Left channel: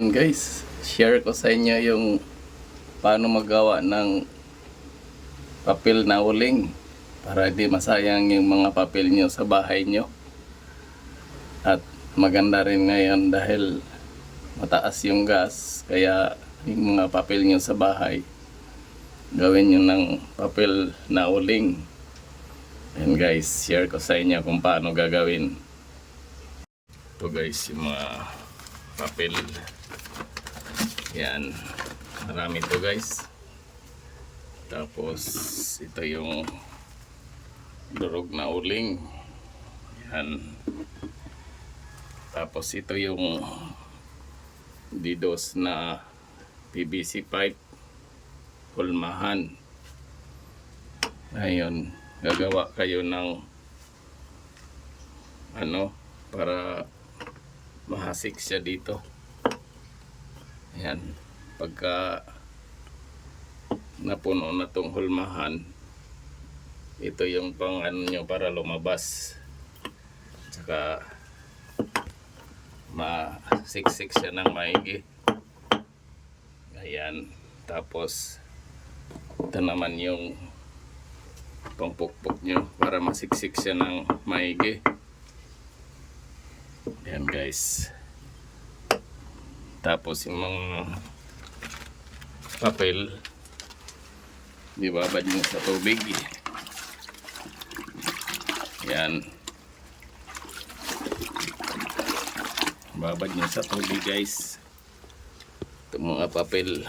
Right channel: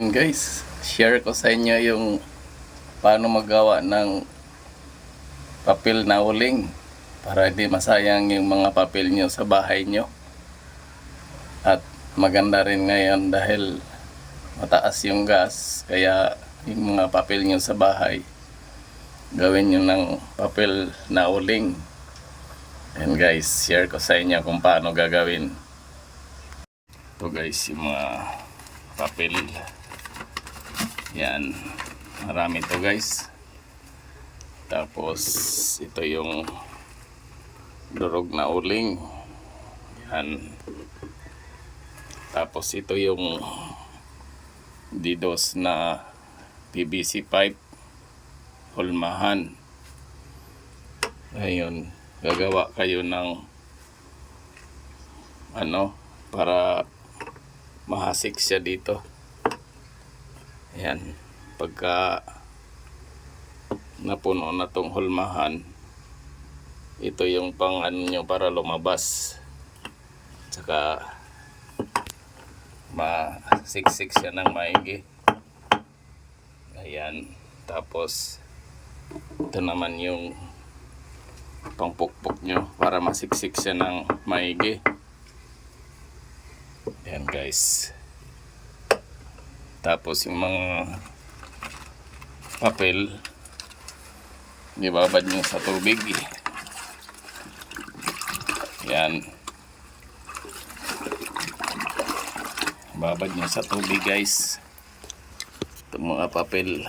Guys, share ko sa inyo yung paano magawa ng papel na uling para di masayang yung mga papel nyo sa bahay nyo. At maganda rin ngayon dahil mataas yung gas, kaya yung mga papel nyo sa bahay gawin nyo ng papel na uling. And guys, share ko sa inyo kung paano gagawin. Ito guys, yung mga papel. Yan, marami to guys. Tapos ito yung durog na uling. Yan. Tapos ito yung DDoS na PVC pipe hulmahan. Ngayon, gagawa kayo ng para mahasik siya dito. Ayan, pagka napuno na tong hulmahan, ito yung pang nyo para lumabas. Tsaka masiksik siya ng maigi. Ayan, tapos ito naman yung pangpukpok nyo para masiksik siya ng maigi. Ayan guys. Tapos yung mga papel ibabad nyo sa tubig. Yan, babad nyo sa tubig guys itong mga papel.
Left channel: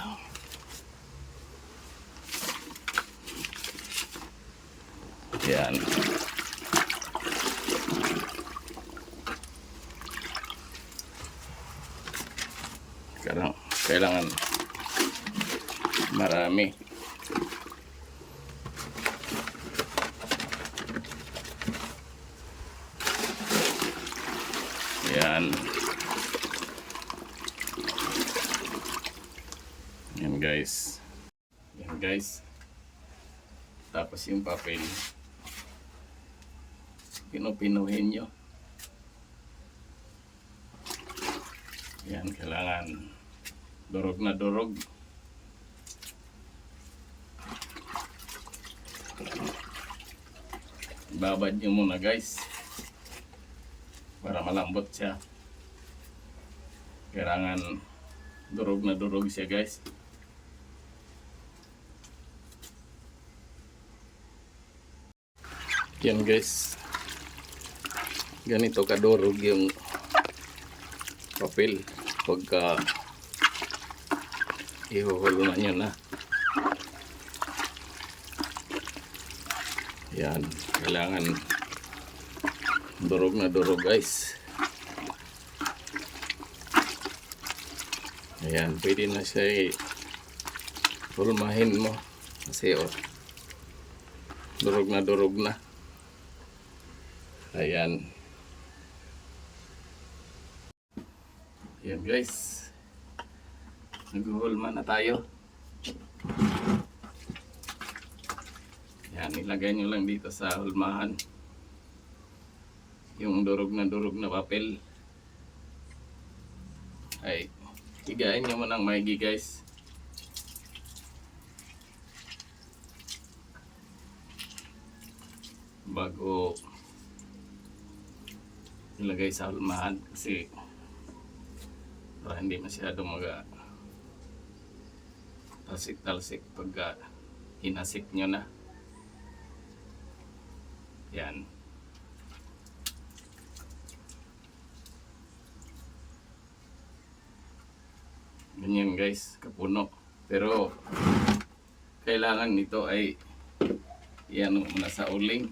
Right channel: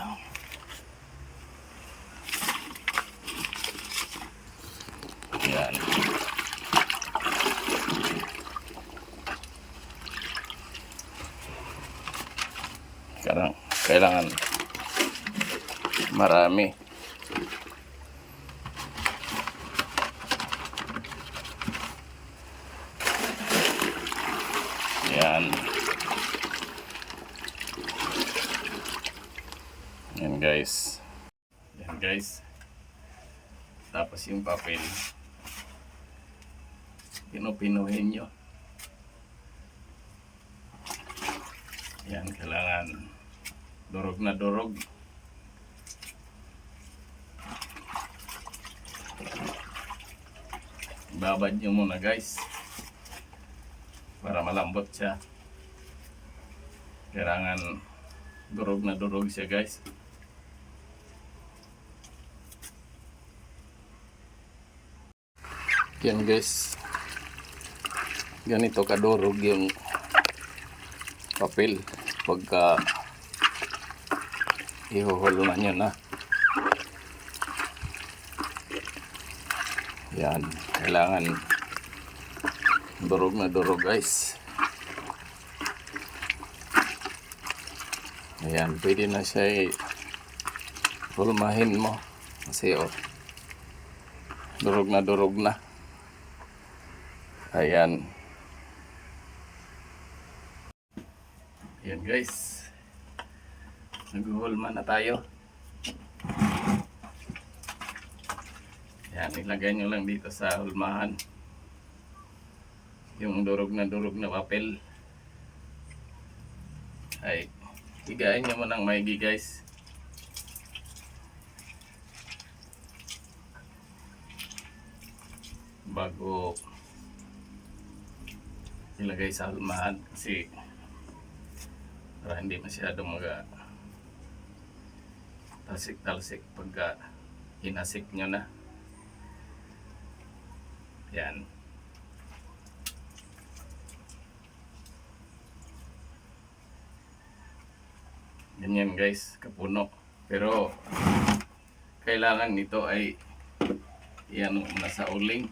Yan, kailangan marami. Yan. Yan guys. Yan guys. Tapos yung papel pinupinuhin nyo. Yan, kailangan durog na durog. Babad nyo muna guys para malambot siya. Kailangan durog na durog siya guys. Yan guys, ganito kadurog yung papel pagka ihuhulo na nyo na. Yan, kailangan durog na durog guys. Ayan, pwede na siya hulmahin mo kasi durog na durog na. Ayan. Ayan guys, naghuhulma na tayo. Yan, ilagay nyo lang dito sa hulmahan yung durog na papel. Ay, higain nyo mo ng maigi guys. Bago ilagay sa hulmahan kasi para hindi masyadong talsik-talsik pagka inasik nyo na. Yan. Ganyan guys, kapuno. Pero kailangan nito ay yan muna sa uling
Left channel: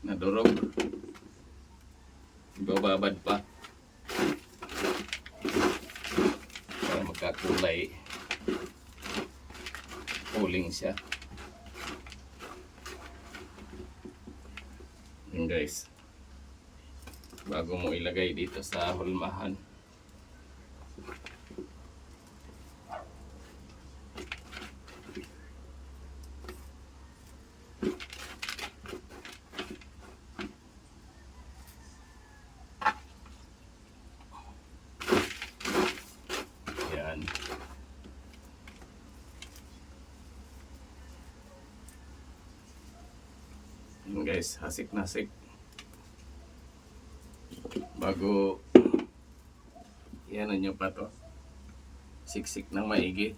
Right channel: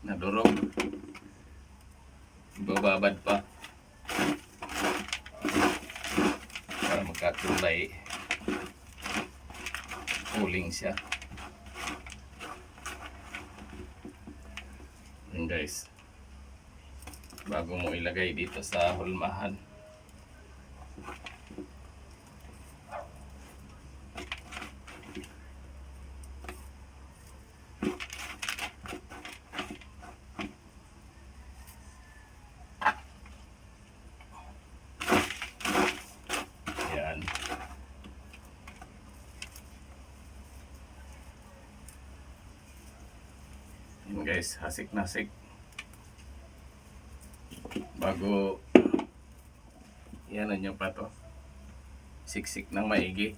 na durog. Ibababad pa para magkakulay uling siya. Yan guys, bago mo ilagay dito sa hulmahan. guys, hasik na hasik. Bago yan nyo pa to. Siksik ng maigi.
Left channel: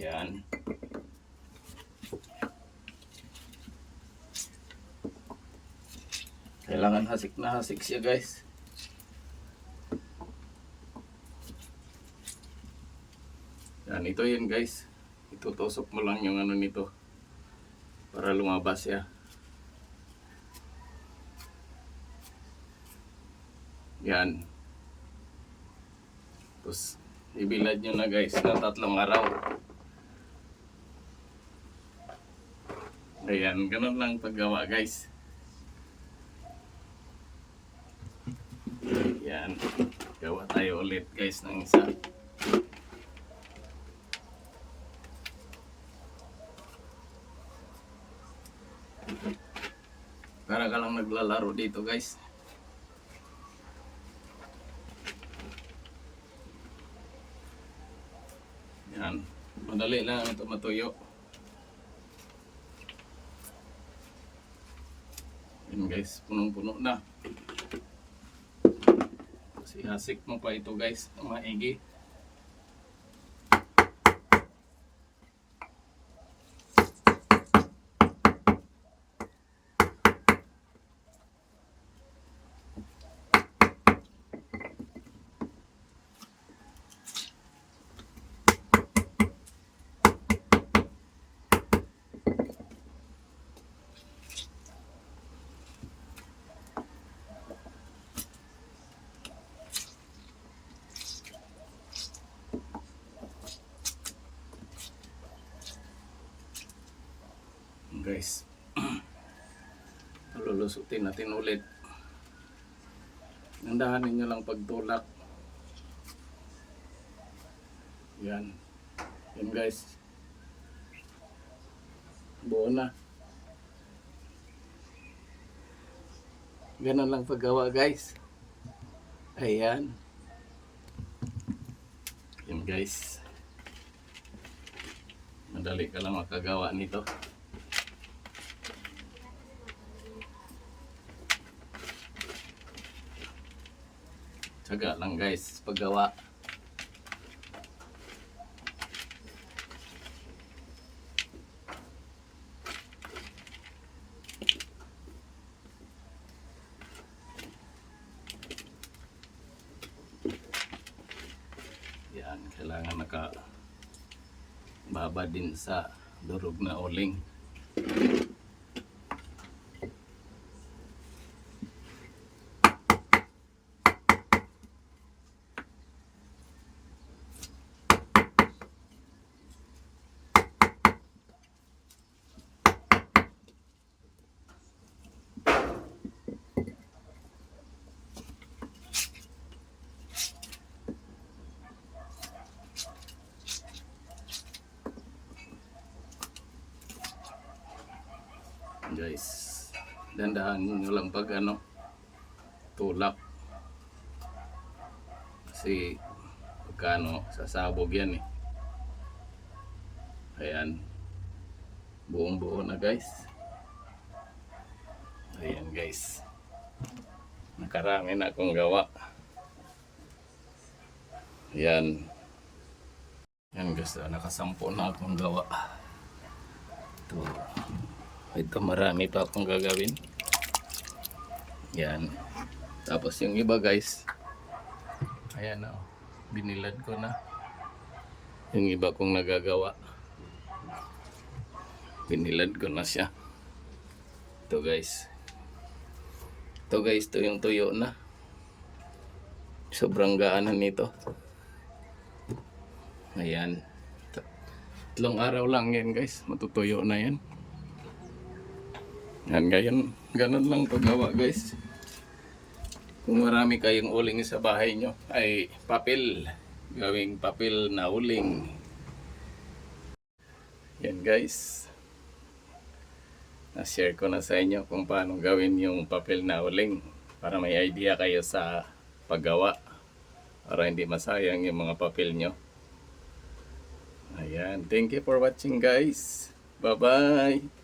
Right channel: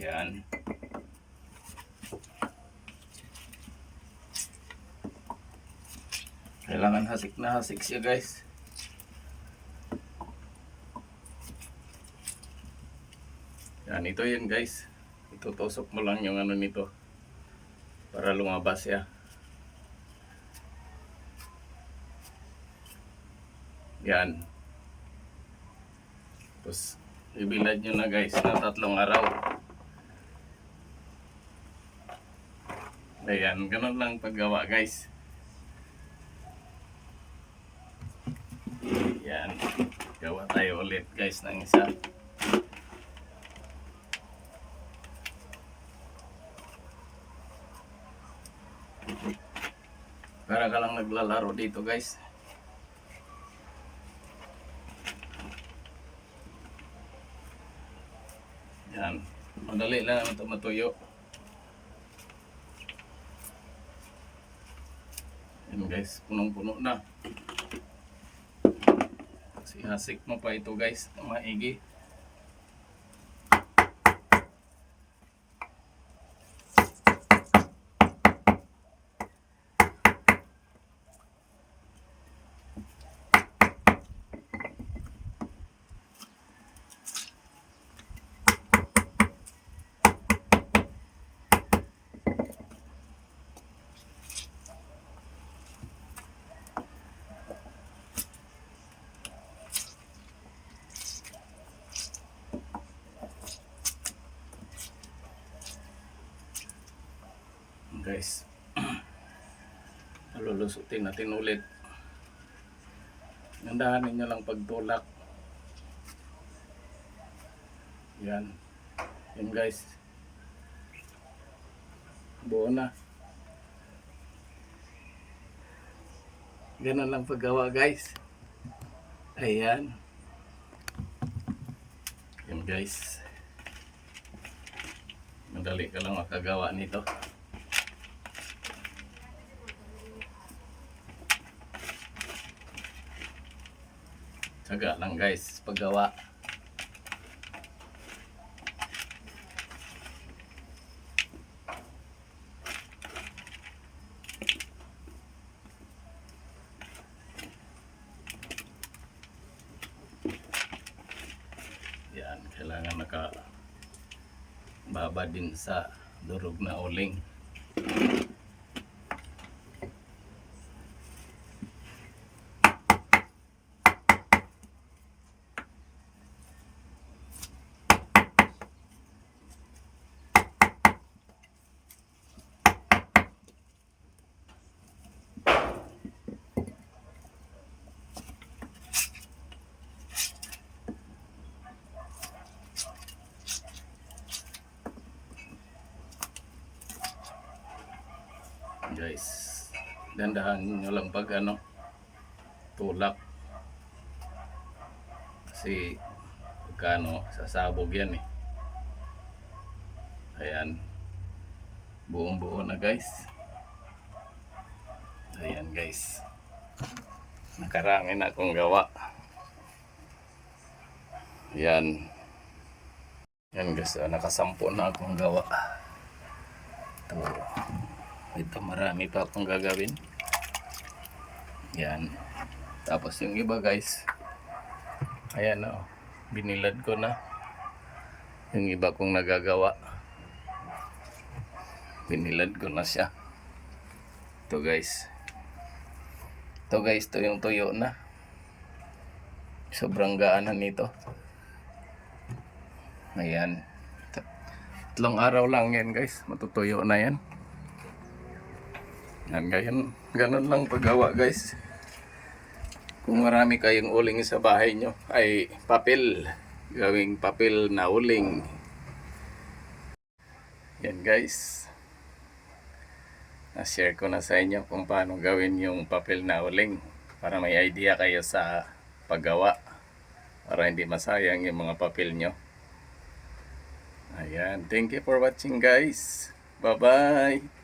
Yan. Kailangan hasik na hasik siya guys. Yan, ito yun guys. Itutusok mo lang yung ano nito para lumabas siya. Yan. Tapos ibilad nyo na guys ng 3 araw. Ayan, ganun lang paggawa guys. Yan, gawa tayo ulit guys ng isa. Para ka lang naglalaro dito guys. Yan, madali lang ito matuyo. Yan guys, punong-puno na. Kasi hasik mo pa ito guys, maigi. Guys, lulusutin natin ulit. Gandahan ninyo lang pagtulak. Yan. Yan guys. Buo na. Ganun lang paggawa guys. Ayan. Yan guys. Madali ka lang makagawa nito. Tsaga lang guys paggawa. Yan, kailangan nakababa din sa durog na uling. Guys, dandahan nyo lang pag tulak kasi pagkano sasabog yan eh. Ayan, buong buo na guys. Ayan guys, nakarami na akong gawa. Ayan, yan guys, nakasampu na akong gawa. Ito marami pa akong gagawin. Yan. Tapos yung iba guys, ayan o, binilad ko na. Yung iba kong nagagawa, binilad ko na siya. Ito guys. Ito guys, ito yung tuyo na. Sobrang gaanan nito. Ayan. 3 araw lang yan guys, matutuyo na yan. Yan, ganun lang paggawa guys. Kung marami kayong uling sa bahay nyo, ay papel, gawing papel na uling. Yan guys. Na-share ko na sa inyo kung paano gawin yung papel na uling para may idea kayo sa paggawa para hindi masayang yung mga papel nyo. Ayan. Thank you for watching guys. Bye-bye.